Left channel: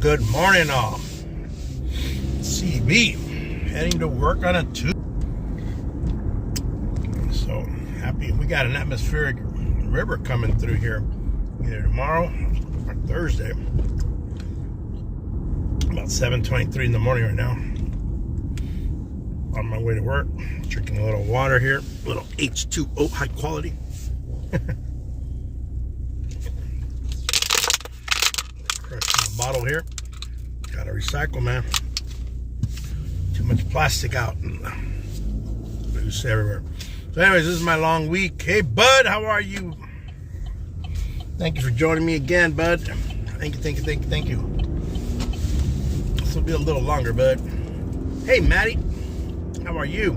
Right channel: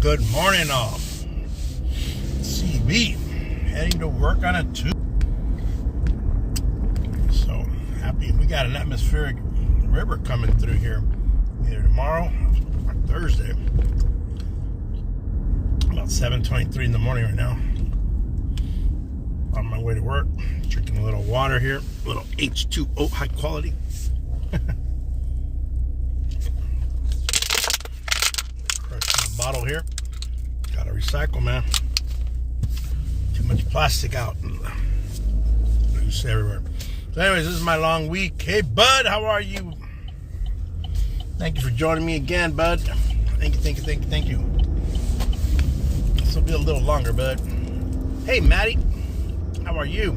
Good morning, all. CB heading to work on a Tuesday. So happy. We got an atmospheric river coming through here either tomorrow or Thursday. About 7:23 in the morning right now. On my way to work, drinking a little water here, a little H2O, high quality. Crushing the bottle here. Gotta recycle, man. Too much plastic out and loose everywhere. So anyways, this is my long week. Hey, bud, how are you? Thank you for joining me again, bud. Thank you. This will be a little longer, bud. Hey, Maddie, how are you?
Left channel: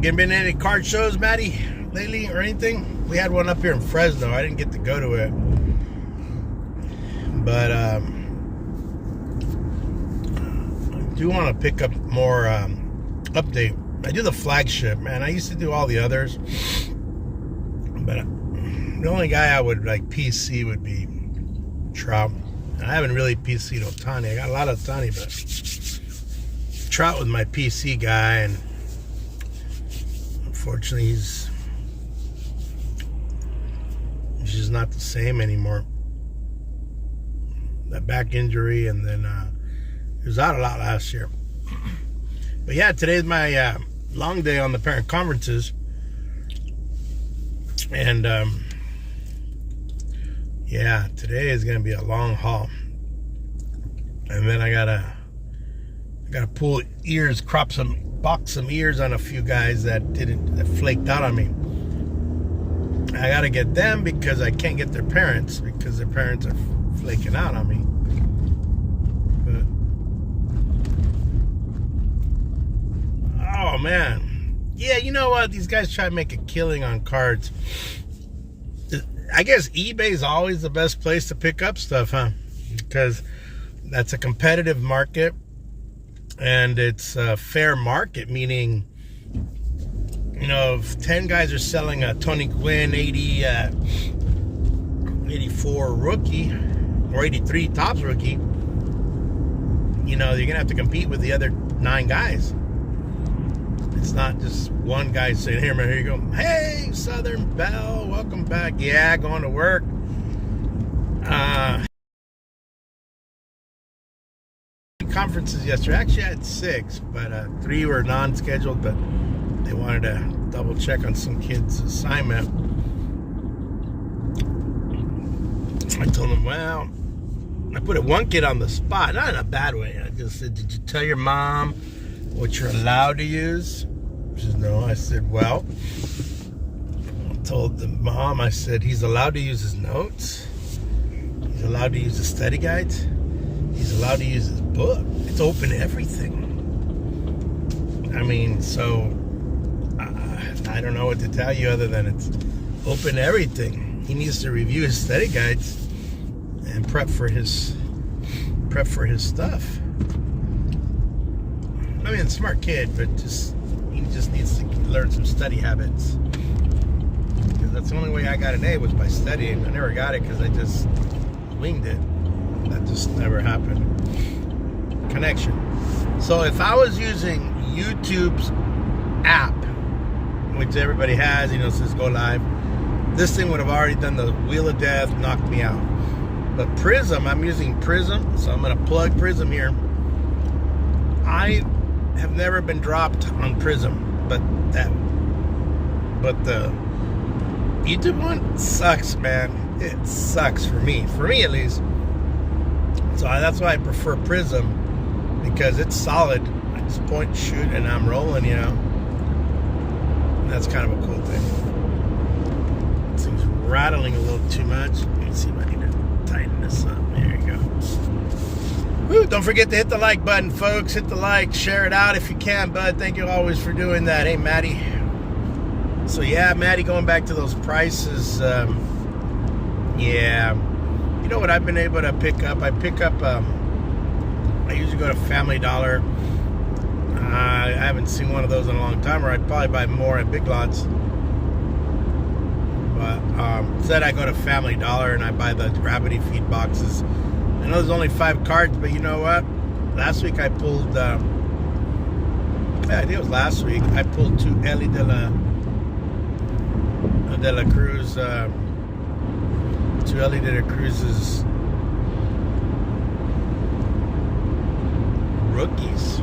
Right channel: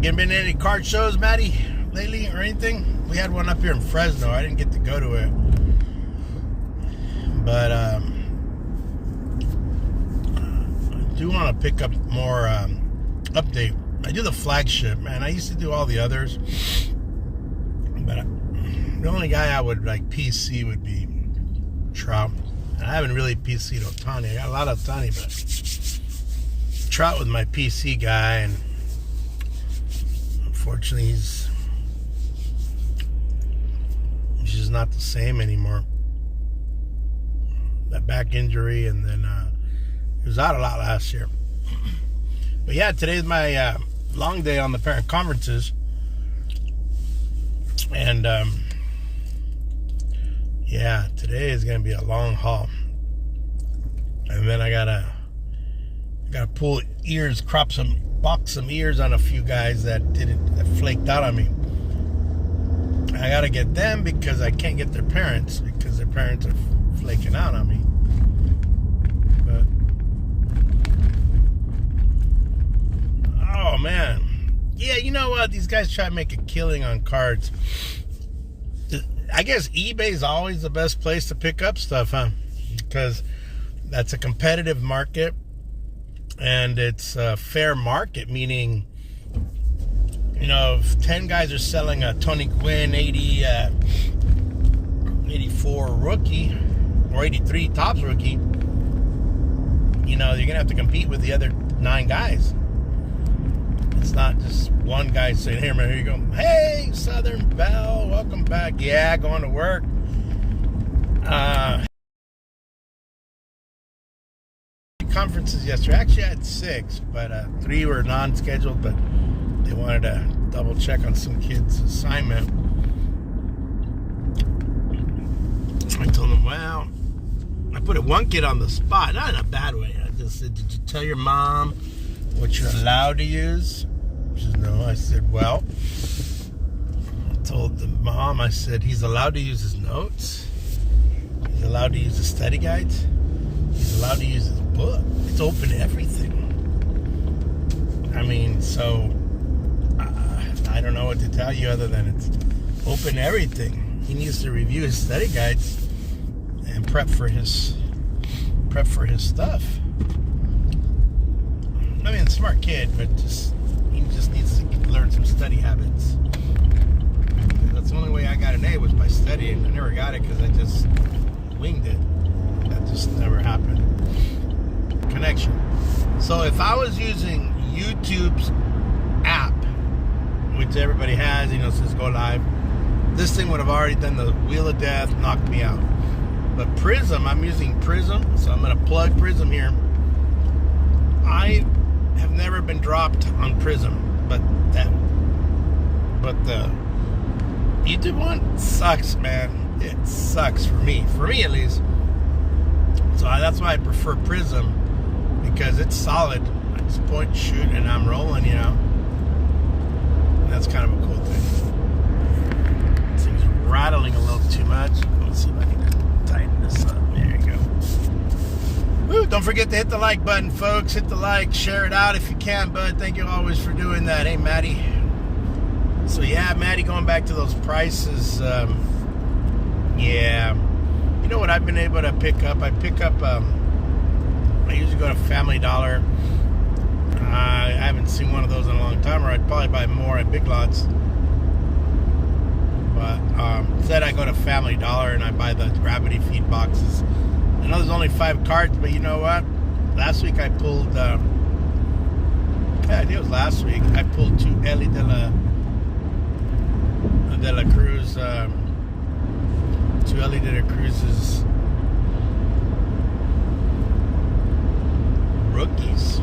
Been to any card shows, Maddie, lately or anything? We had one up here in Fresno. I didn't get to go to it. But I do want to pick up more update. I do the flagship, man. I used to do all the others. But the only guy I would like PC would be Trout. I haven't really PC'd Ohtani. I got a lot of Ohtani, but Trout was my PC guy, and unfortunately he's just not the same anymore. That back injury, and then he was out a lot last year. But yeah, today's my long day on the parent conferences, and yeah, today is gonna be a long haul. And then I gotta pull ears, box some ears on a few guys that flaked out on me. I gotta get them because I can't get their parents because their parents are flaking out on me. But oh man, yeah, you know what? These guys try to make a killing on cards. I guess eBay is always the best place to pick up stuff, huh? Because that's a competitive market, and it's a fair market, meaning, you know, if 10 guys are selling a Tony Gwynn 84 rookie or 83 Topps rookie, you know, you're gonna have to compete with the other 9 guys. It's not just one guy saying, "Here, man, here you go. Hey, Southern Belle, welcome back." Yeah, going to work. Conferences yesterday. Actually, I had 6, but 3 were non-scheduled, but they wanted to double check on some kids' assignment. I told them, well, I put one kid on the spot, not in a bad way. I just said, "Did you tell your mom what you're allowed to use?" She said, "No." I said, "Well," I told the mom, I said, "He's allowed to use his notes. He's allowed to use the study guides. He's allowed to use his book. It's open to everything." I mean, so I don't know what to tell you other than it's open to everything. He needs to review his study guides and prep for his stuff. I mean, smart kid, but he just needs to learn some study habits. That's the only way I got an A was by studying. I never got it because I just winged it. That just never happened. Connection. So if I was using YouTube's app, which everybody has, you know, says go live, this thing would have already done the wheel of death, knocked me out. But Prism, I'm using Prism, so I'm going to plug Prism here. I have never been dropped on Prism, but the YouTube one sucks, man. It sucks for me at least. So that's why I prefer Prism, because it's solid. I just point and shoot and I'm rolling, you know. And that's kind of a cool thing. This thing's rattling a little too much. Let's see if I can tighten this up. There you go. Woo, don't forget to hit the like button, folks. Hit the like, share it out if you can, bud. Thank you always for doing that. Hey, Maddie. So yeah, Maddie, going back to those prices, yeah. You know what I've been able to pick up? I usually go to Family Dollar. I haven't seen one of those in a long time, or I'd probably buy more at Big Lots. but instead I go to Family Dollar and I buy the Gravity Feed boxes. I know there's only 5 cards, but you know what? Last week I pulled, I think it was last week, I pulled 2 Eli de la Cruz, 2 Eli de la Cruz's rookies.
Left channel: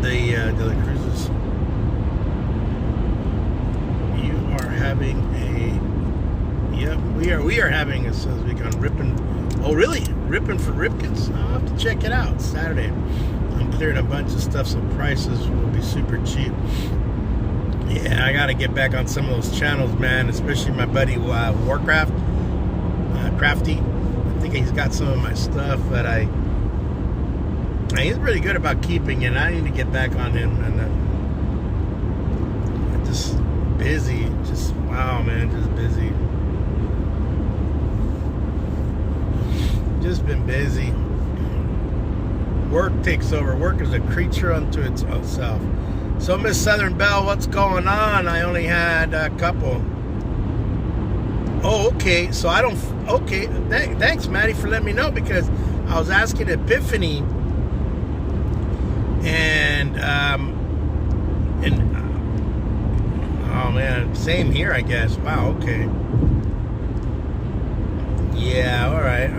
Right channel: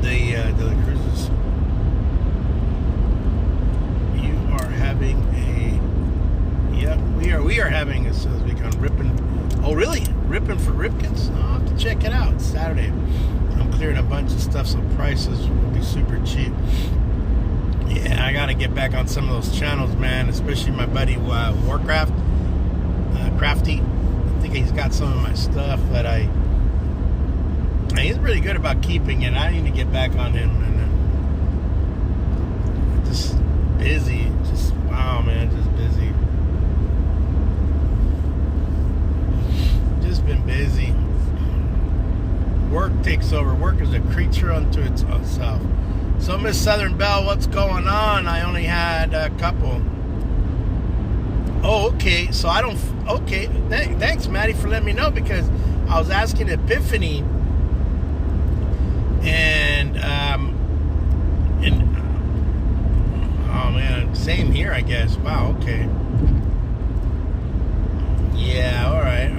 The de la Cruz's. You are having a, yep, we are having a says week on ripping. Oh really? Ripping for Ripkins? I'll have to check it out. Saturday. I'm clearing a bunch of stuff so prices will be super cheap. Yeah, I gotta get back on some of those channels, man. Especially my buddy Warcraft, Crafty. I think he's got some of my stuff that he's really good about keeping it. I need to get back on him, and just busy. Just wow, man, just busy. Just been busy. Work takes over. Work is a creature unto its own self. So, Miss Southern Belle, what's going on? I only had a couple. Oh, okay. So I don't. Okay. Thanks, Maddie, for letting me know, because I was asking Epiphany, and oh man, same here, I guess. Wow. Okay. Yeah. All right.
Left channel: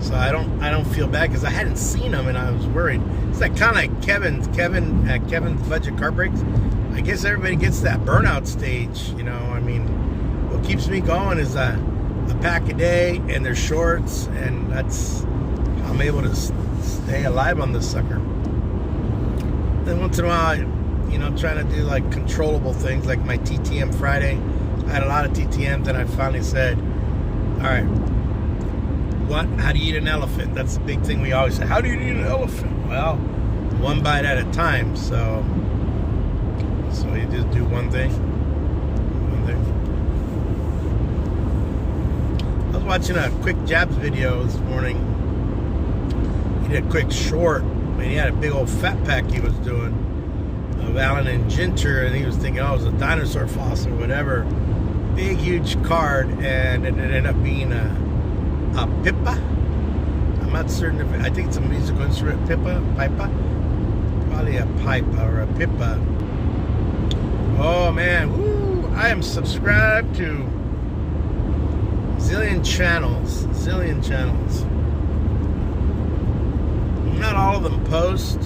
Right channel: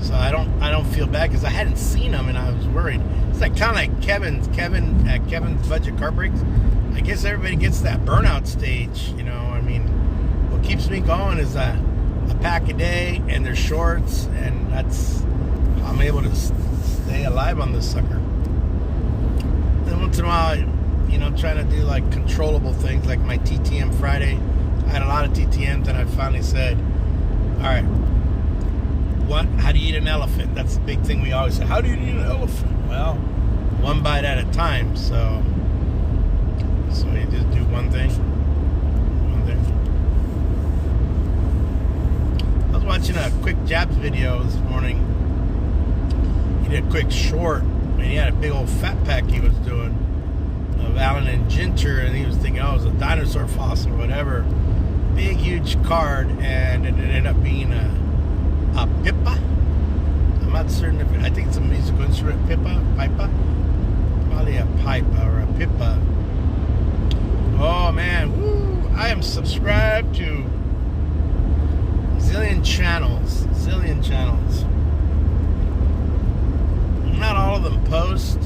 So I don't feel bad because I hadn't seen him and I was worried. It's like kind of like Kevin's budget car breaks. I guess everybody gets that burnout stage, you know. I mean, what keeps me going is a pack a day and their shorts, and that's how I'm able to stay alive on this sucker. Then once in a while, you know, trying to do like controllable things like my TTM Friday. I had a lot of TTMs and I finally said, all right, how do you eat an elephant? That's the big thing we always say. How do you eat an elephant? Well, one bite at a time. So you just do one thing. I was watching a Quick Jabs video this morning. He did a quick short, and he had a big old fat pack he was doing of Allen and Ginter, and he was thinking, oh, it was a dinosaur fossil or whatever. Big, huge card, and it ended up being a pipa. I'm not certain if I think it's a musical instrument. Pipa, probably a pipe or a pipa. Oh man, woo! I am subscribed to zillion channels. Not all of them post.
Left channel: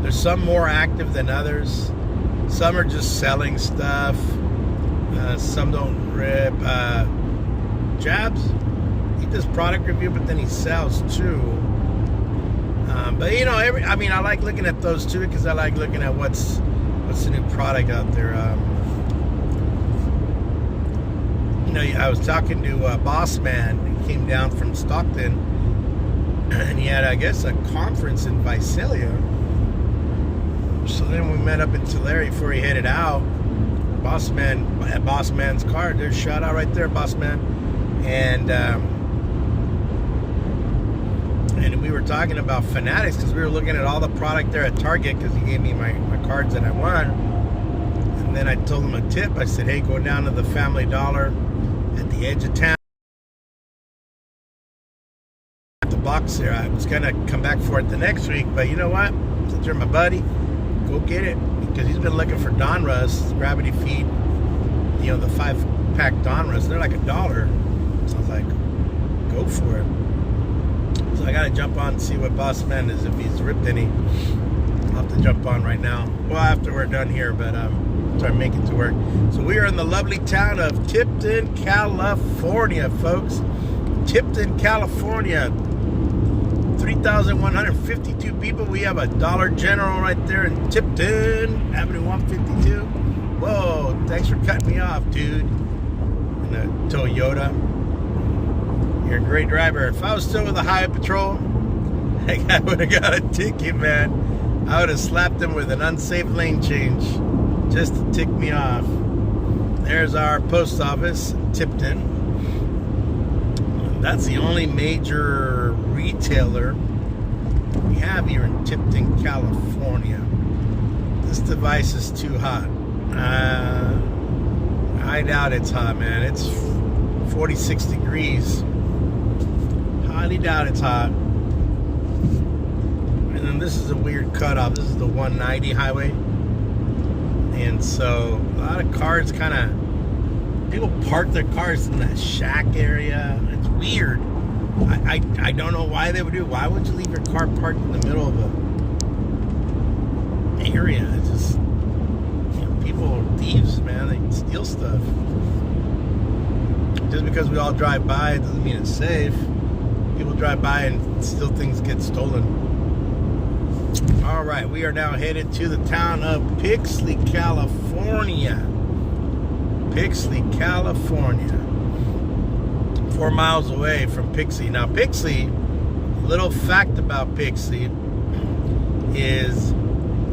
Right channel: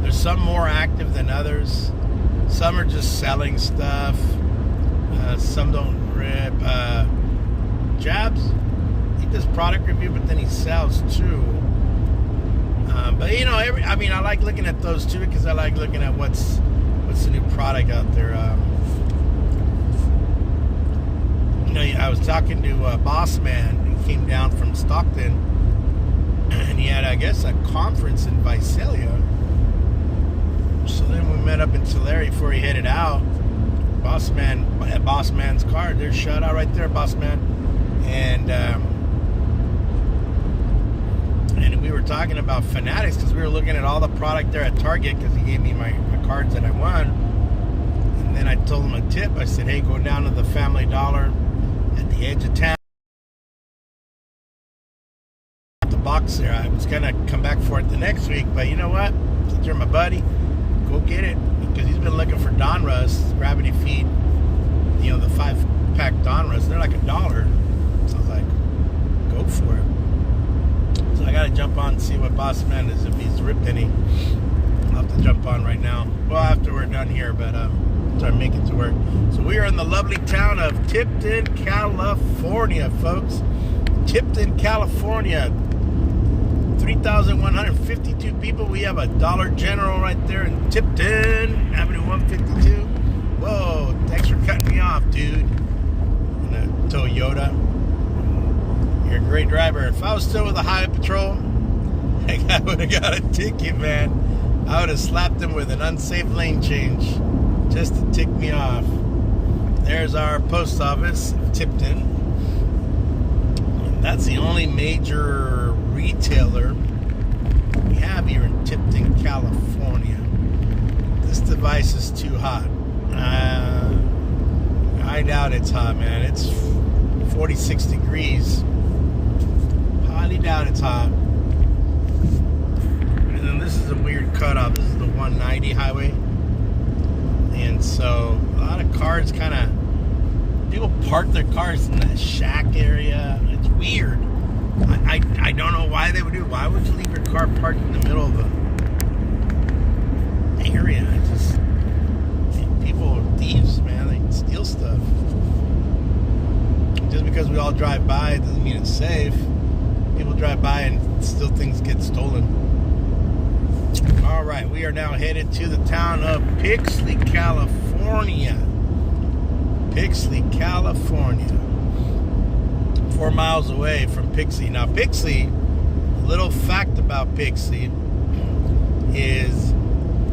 There's some more active than others. Some are just selling stuff. Some don't rip. Jabs, he does product review, but then he sells too. But you know, I like looking at those too, because I like looking at what's the new product out there. You know, I was talking to Boss Man. He came down from Stockton, and he had, I guess, a conference in Visalia. So then we met up in Tulare before he headed out. Boss Man at Boss Man's car. There's a shout out right there, Boss Man. And we were talking about Fanatics because we were looking at all the product there at Target because he gave me my cards that I won. And then I told him a tip. I said, hey, go down to the Family Dollar at the edge of town. The box there. I was gonna come back for it the next week, but you know what? Since you're my buddy, go get it, because he's been looking for Donruss Gravity Feed. You know, the 5-pack Donruss. They're like $1. So I was like, go for it. So I gotta jump on and see what Boss Man is, if he's ripped any. I'll have to jump on right now. Well, after we're done here, but try to make it to work. So we are in the lovely town of Tipton, California, folks. Tipton, California. 3,152 people. We have a Dollar General right there in Tipton, Avenue 152. Whoa, thanks for cutting me off, dude. In a Toyota. You're a great driver. If I was still with the Highway Patrol, I would have got a ticket, man. I would have slapped him with an unsafe lane change just to tick me off. There's our post office, Tipton. That's the only major retailer we have here in Tipton, California. This device is too hot. I I doubt it's hot, man. It's 46 degrees. Highly doubt it's hot. And then this is a weird cutoff. This is the 190 highway. And so a lot of cars kind of, people park their cars in that shack area. It's weird. I don't know why they would do it. Why would you leave your car parked in the middle of the area? It's just, people are thieves, man. They can steal stuff. Just because we all drive by, it doesn't mean it's safe. People drive by and still things get stolen. All right, we are now headed to the town of Pixley, California. Pixley, California. 4 miles away from Pixley. Now, Pixley, little fact about Pixley is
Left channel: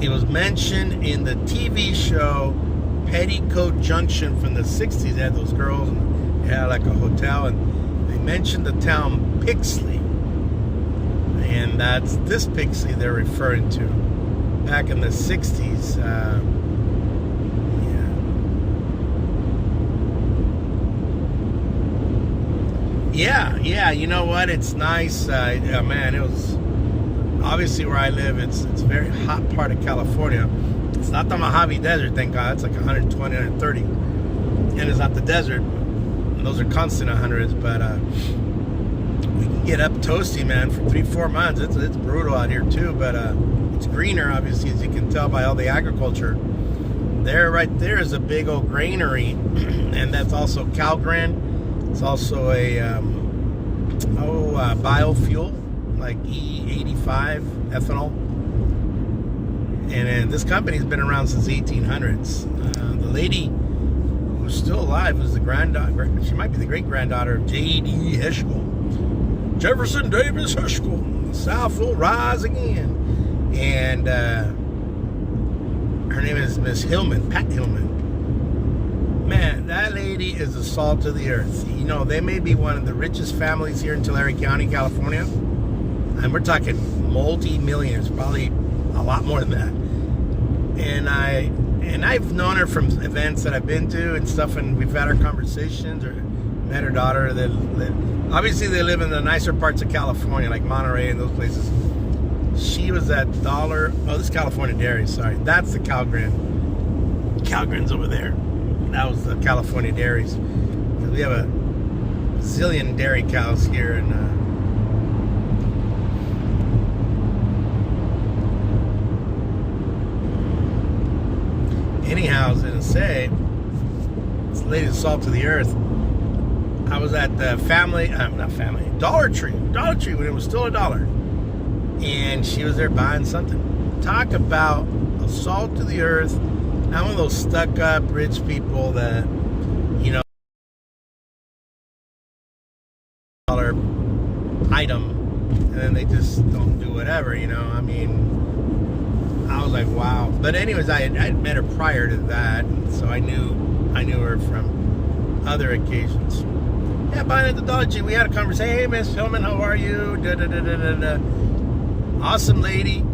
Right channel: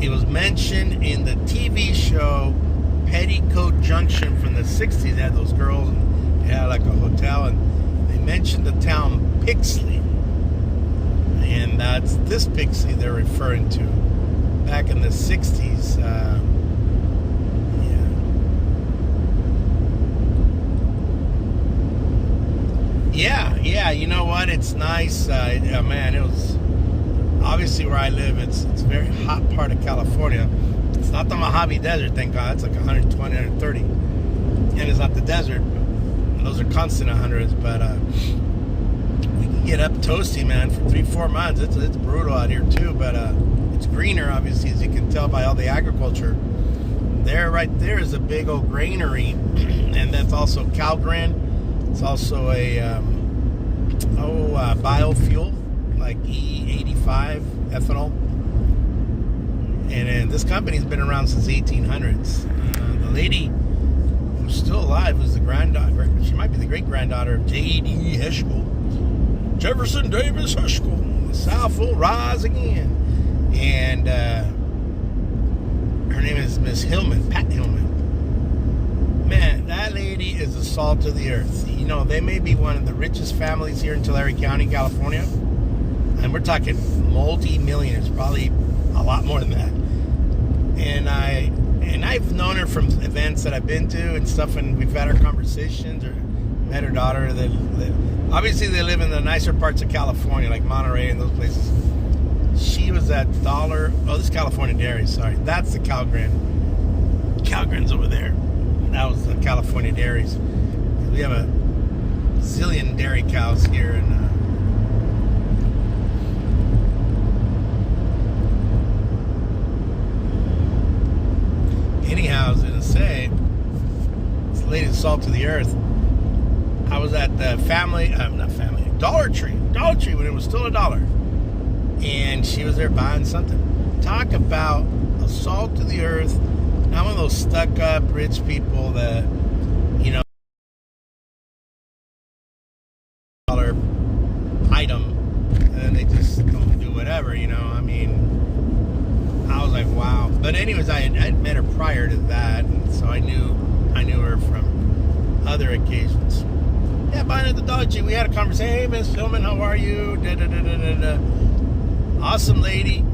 it was mentioned in the TV show Petticoat Junction from the 60s. They had those girls and they had like a hotel, and they mentioned the town Pixley. And that's this Pixley they're referring to. Back in the 60s. Yeah, you know what? It's nice. Man, it was obviously where I live. It's a very hot part of California. It's not the Mojave Desert, thank God. It's like 120, 130. And it's not the desert. Those are constant 100s, but we can get up toasty, man, for 3-4 months. It's brutal out here too, but it's greener, obviously, as you can tell by all the agriculture. There, right there, is a big old granary, and that's also Calgren. It's also a biofuel, like E85 ethanol. And this company's been around since 1800s. The lady who's still alive was the granddaughter. She might be the great-granddaughter of J.D. Heschel. Jefferson Davis Heschel. The South will rise again. And her name is Miss Hillman, Pat Hillman. Man, that lady is the salt of the earth. You know, they may be one of the richest families here in Tulare County, California. And we're talking multi-millionaires, probably a lot more than that. And I've known her from events that I've been to and stuff, and we've had our conversations, or met her daughter. That obviously they live in the nicer parts of California, like Monterey and those places. She was at this is California Dairy, sorry. That's the Calgren. Calgren's over there. That was the California Dairies. We have a zillion dairy cows here, and anyhow, I was gonna say, this lady's salt of the earth. I was at the Dollar Tree when it was still $1, and she was there buying something. Talk about a salt of the earth. Not one of those stuck-up rich people that, you know, dollar item, and then they just go and do whatever, you know. I mean, I was like, wow. But anyways, I had met her prior to that, and so I knew her from other occasions. Yeah, buying at the Dollar Tree, we had a conversation. Hey, Miss Hillman, how are you? Awesome lady.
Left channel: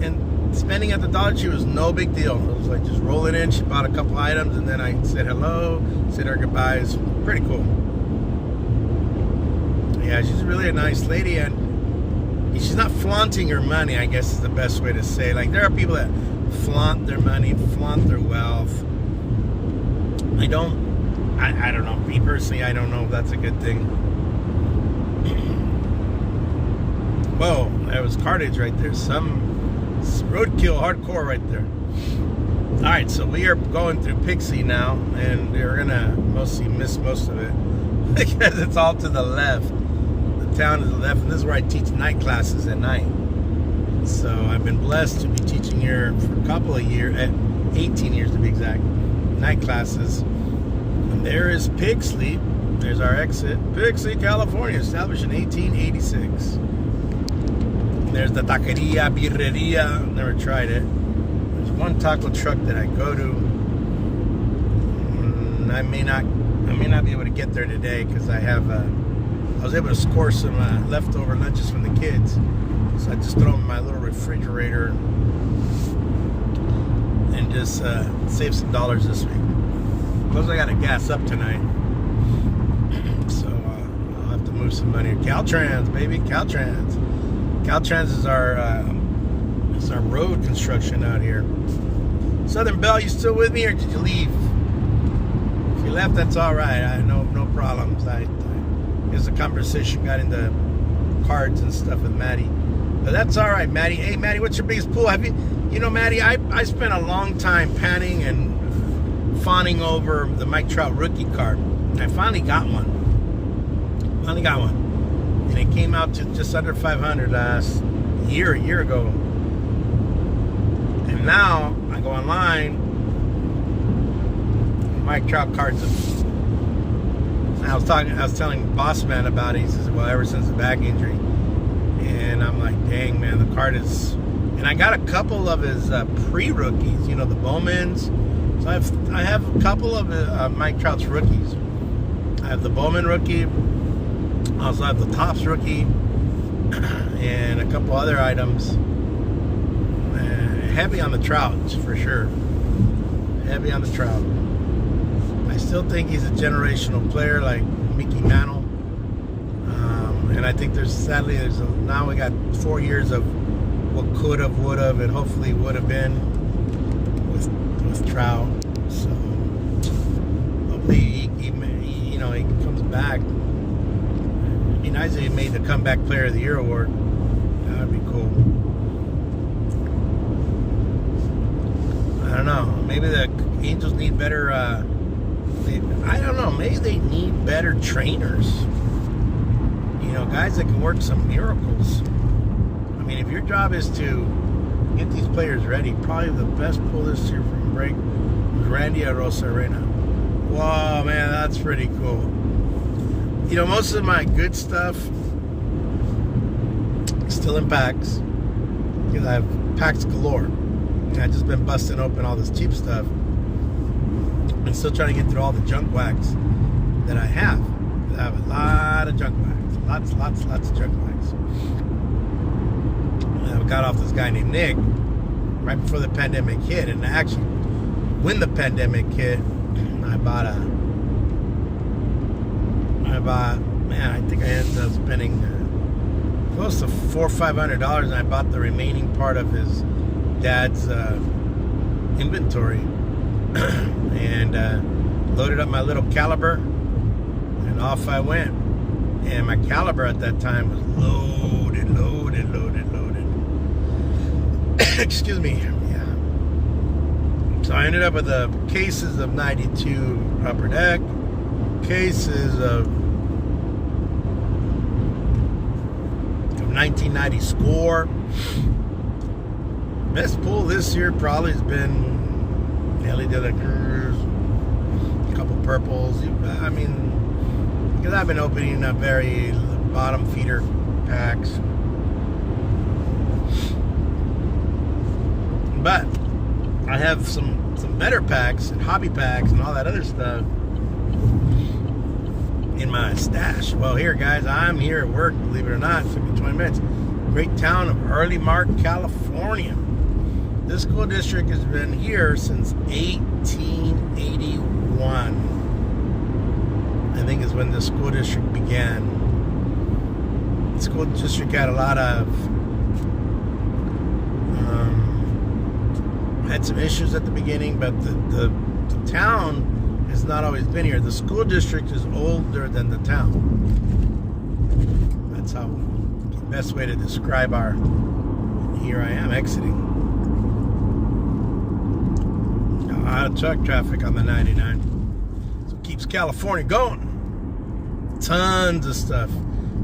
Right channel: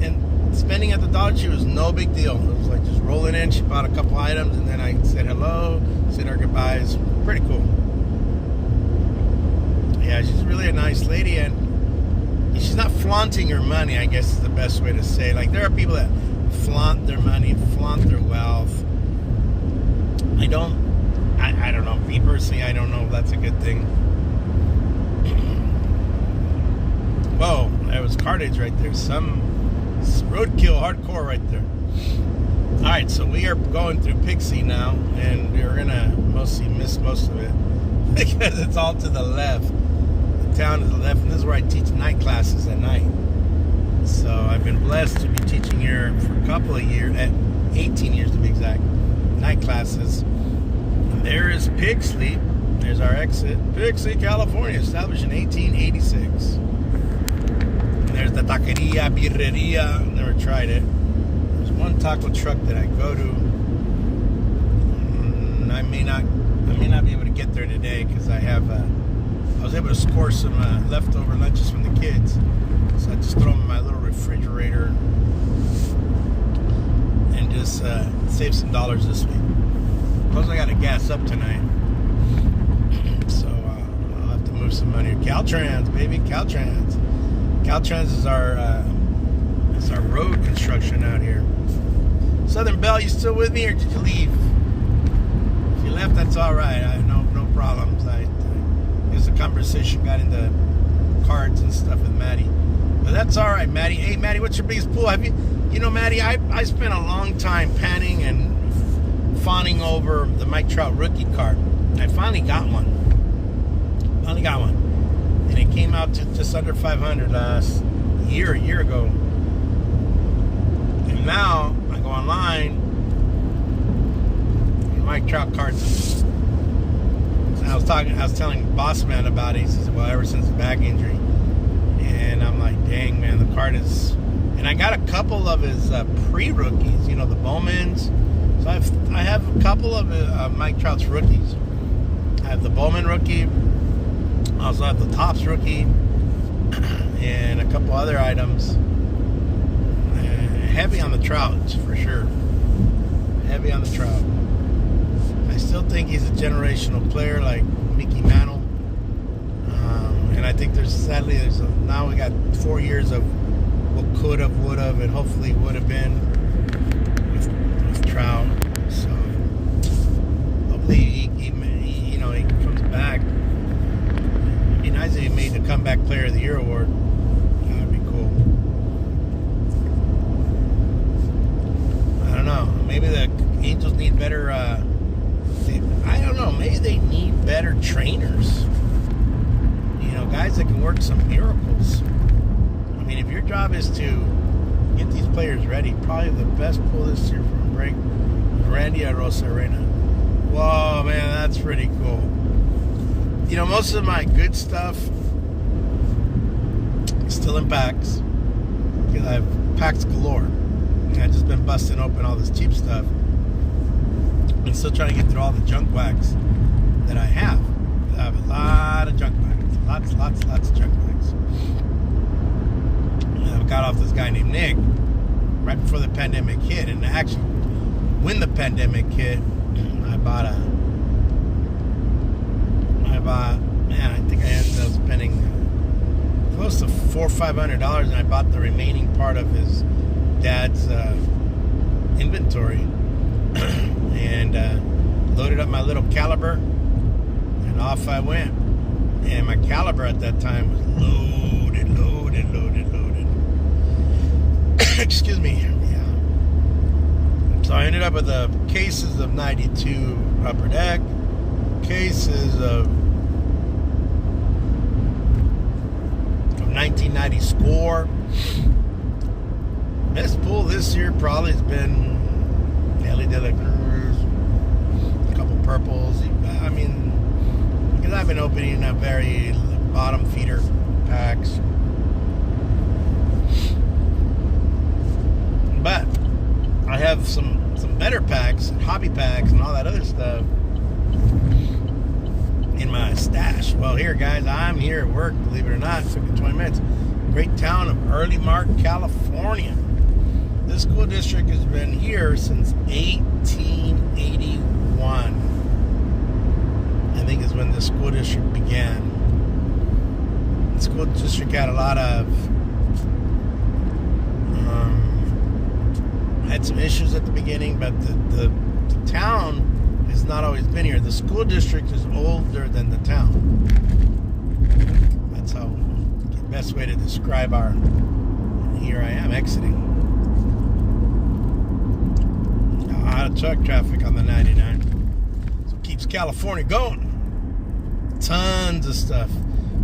And spending at the Dollar Tree was no big deal. It was like just rolling in. She bought a couple items, and then I said hello, said our goodbyes. Pretty cool. Yeah, she's really a nice lady, and she's not flaunting her money, I guess is the best way to say. Like, there are people that flaunt their money, flaunt their wealth. I don't know. Me personally, I don't know if that's a good thing. Whoa, that was carnage right there. Some roadkill hardcore right there. All right, so we are going through Pixley now, and we're gonna mostly miss most of it because it's all to the left. The town is the left, and this is where I teach night classes at night. So I've been blessed to be teaching here for a couple of years, 18 years to be exact, night classes. And there is Pixley. There's our exit. Pixley, California, established in 1886. There's the taqueria, birreria. Never tried it. There's one taco truck that I go to. I may not be able to get there today because I was able to score some leftover lunches from the kids. So I just throw them in my little refrigerator and just save some dollars this week. Plus I gotta gas up tonight. So I'll have to move some money. Caltrans, baby, Caltrans. Caltrans is our road construction out here. Southern Belle, you still with me or did you leave? If you left, that's all right. I no problems. Here's the conversation got into cards and stuff with Maddie, but that's all right, Maddie. Hey, Maddie, what's your biggest pool? Have you know, Maddie? I spent a long time panning and fawning over the Mike Trout rookie card. I finally got one. And it came out to just under 500 a year ago. And now I go online, and Mike Trout cards. I was telling Boss Man about it. He says, well, ever since the back injury. And I'm like, dang, man, the card is. And I got a couple of his pre-rookies, you know, the Bowmans. So I have a couple of Mike Trout's rookies. I have the Bowman rookie. I also have the Topps rookie. And a couple other items. Heavy on the Trouts, for sure. Heavy on the Trout. I still think he's a generational player like Mickey Mantle. And I think now we got 4 years of what could have, would have, and hopefully would have been with Trout. So hopefully he comes back. It'd be nice if he made the Comeback Player of the Year award. That'd be cool. I don't know. Maybe the Angels need better. I don't know. Maybe they need better trainers. You know, guys that can work some miracles. I mean, if your job is to get these players ready, probably the best pull this year from break was Randy Arozarena. Whoa, man, that's pretty cool. You know, most of my good stuff is still in packs because I have packs galore. And I've just been busting open all this cheap stuff. I'm still trying to get through all the junk wax that I have. I have a lot of junk wax. Lots of junk wax. And I got off this guy named Nick right before the pandemic hit. And actually, when the pandemic hit, I think I ended up spending close to $400 or $500, and I bought the remaining part of his dad's inventory. And loaded up my little caliber, and off I went. And my caliber at that time was loaded. Excuse me. Yeah. So I ended up with cases of 92 Upper Deck, cases of 1990 Score. Best pull this year probably has been Ellie De La Cruz, a couple purples. I mean, because I've been opening up very bottom feeder packs. But I have some better packs, hobby packs, and all that other stuff in my stash. Well, here, guys, I'm here at work, believe it or not. It took me 20 minutes. Great town of Early Mark, California. This school district has been here since 1881. I think is when the school district began. The school district had a lot of had some issues at the beginning, but the town has not always been here. The school district is older than the town. That's how the best way to describe our. Here I am exiting. A lot of truck traffic on the 99. So it keeps California going. Tons of stuff.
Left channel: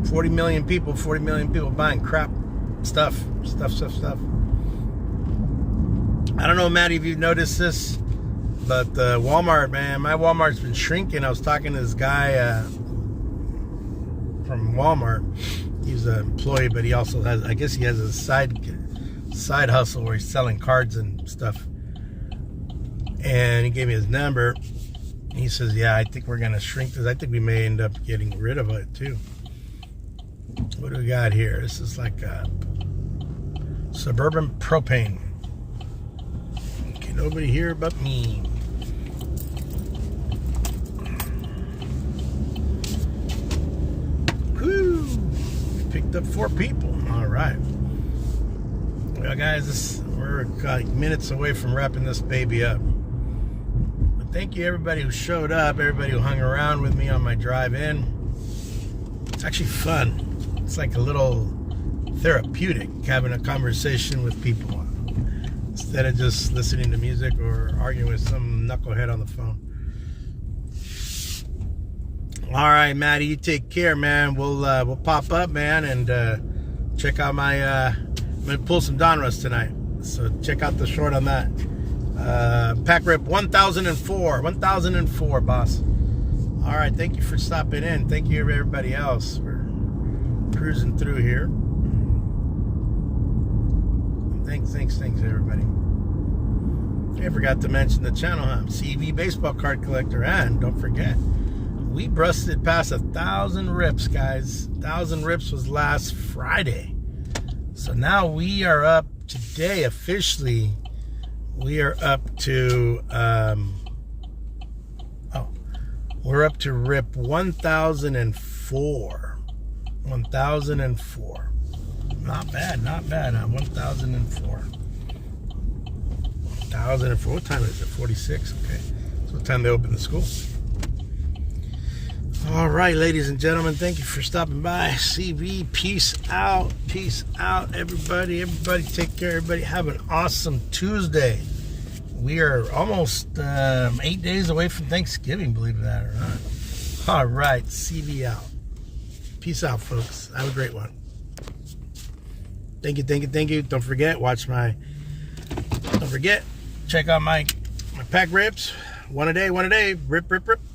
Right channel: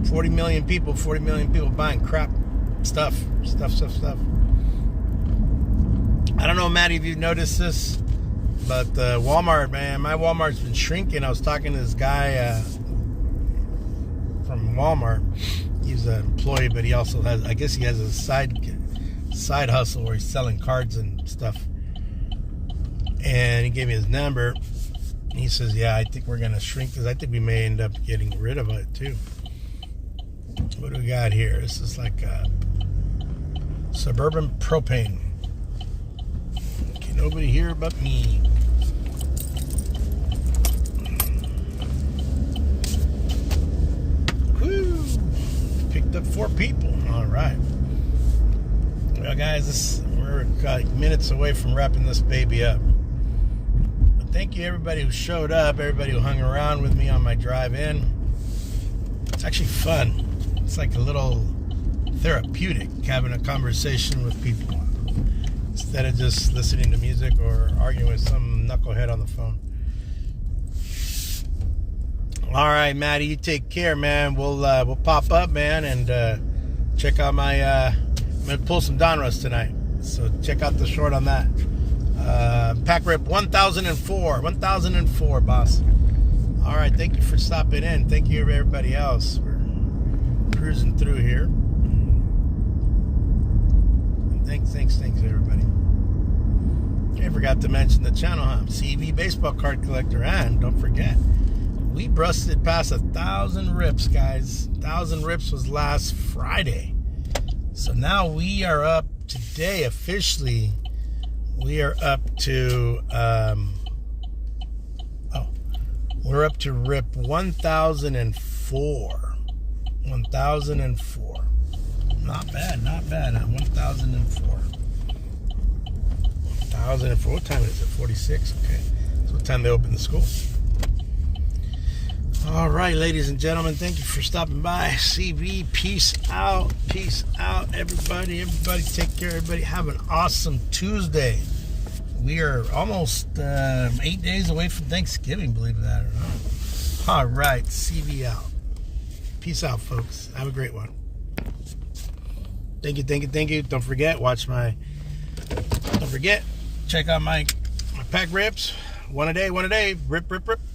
40 million people buying crap stuff. I don't know, Maddie, if you've noticed this, but Walmart, man, my Walmart's been shrinking. I was talking to this guy from Walmart. He's an employee, but he also has, I guess he has a side hustle where he's selling cards and stuff. And he gave me his number. He says, yeah, I think we're going to shrink this. I think we may end up getting rid of it, too. What do we got here? This is like a Suburban Propane. Okay, nobody here but me. picked up 4 people. All right. Well, guys, we're like minutes away from wrapping this baby up. But thank you, everybody who showed up, everybody who hung around with me on my drive in. It's actually fun. It's like a little therapeutic having a conversation with people instead of just listening to music or arguing with some knucklehead on the phone. All right, Maddie, you take care, man. We'll pop up, man, and check out my. I'm gonna pull some Donruss tonight, so check out the short on that. Pack rip 1004, boss. All right, thank you for stopping in. Thank you, everybody else. We're cruising through here. Thanks, everybody. I forgot to mention the channel, huh? CV Baseball Card Collector, and don't forget, we busted past 1,000 rips, guys. 1,000 rips was last Friday. So now we are up today officially. We are up to we're up to rip 1004. 1004. Not bad, huh? 1004. 1004. What time is it? 46. Okay. So what time they open the school? All right, ladies and gentlemen, thank you for stopping by. CV, peace out, everybody. Everybody, take care. Everybody, have an awesome Tuesday. We are almost 8 days away from Thanksgiving, believe that or not. All right, CV out. Peace out, folks. Have a great one. Thank you. Don't forget, check out my pack rips. One a day. Rip.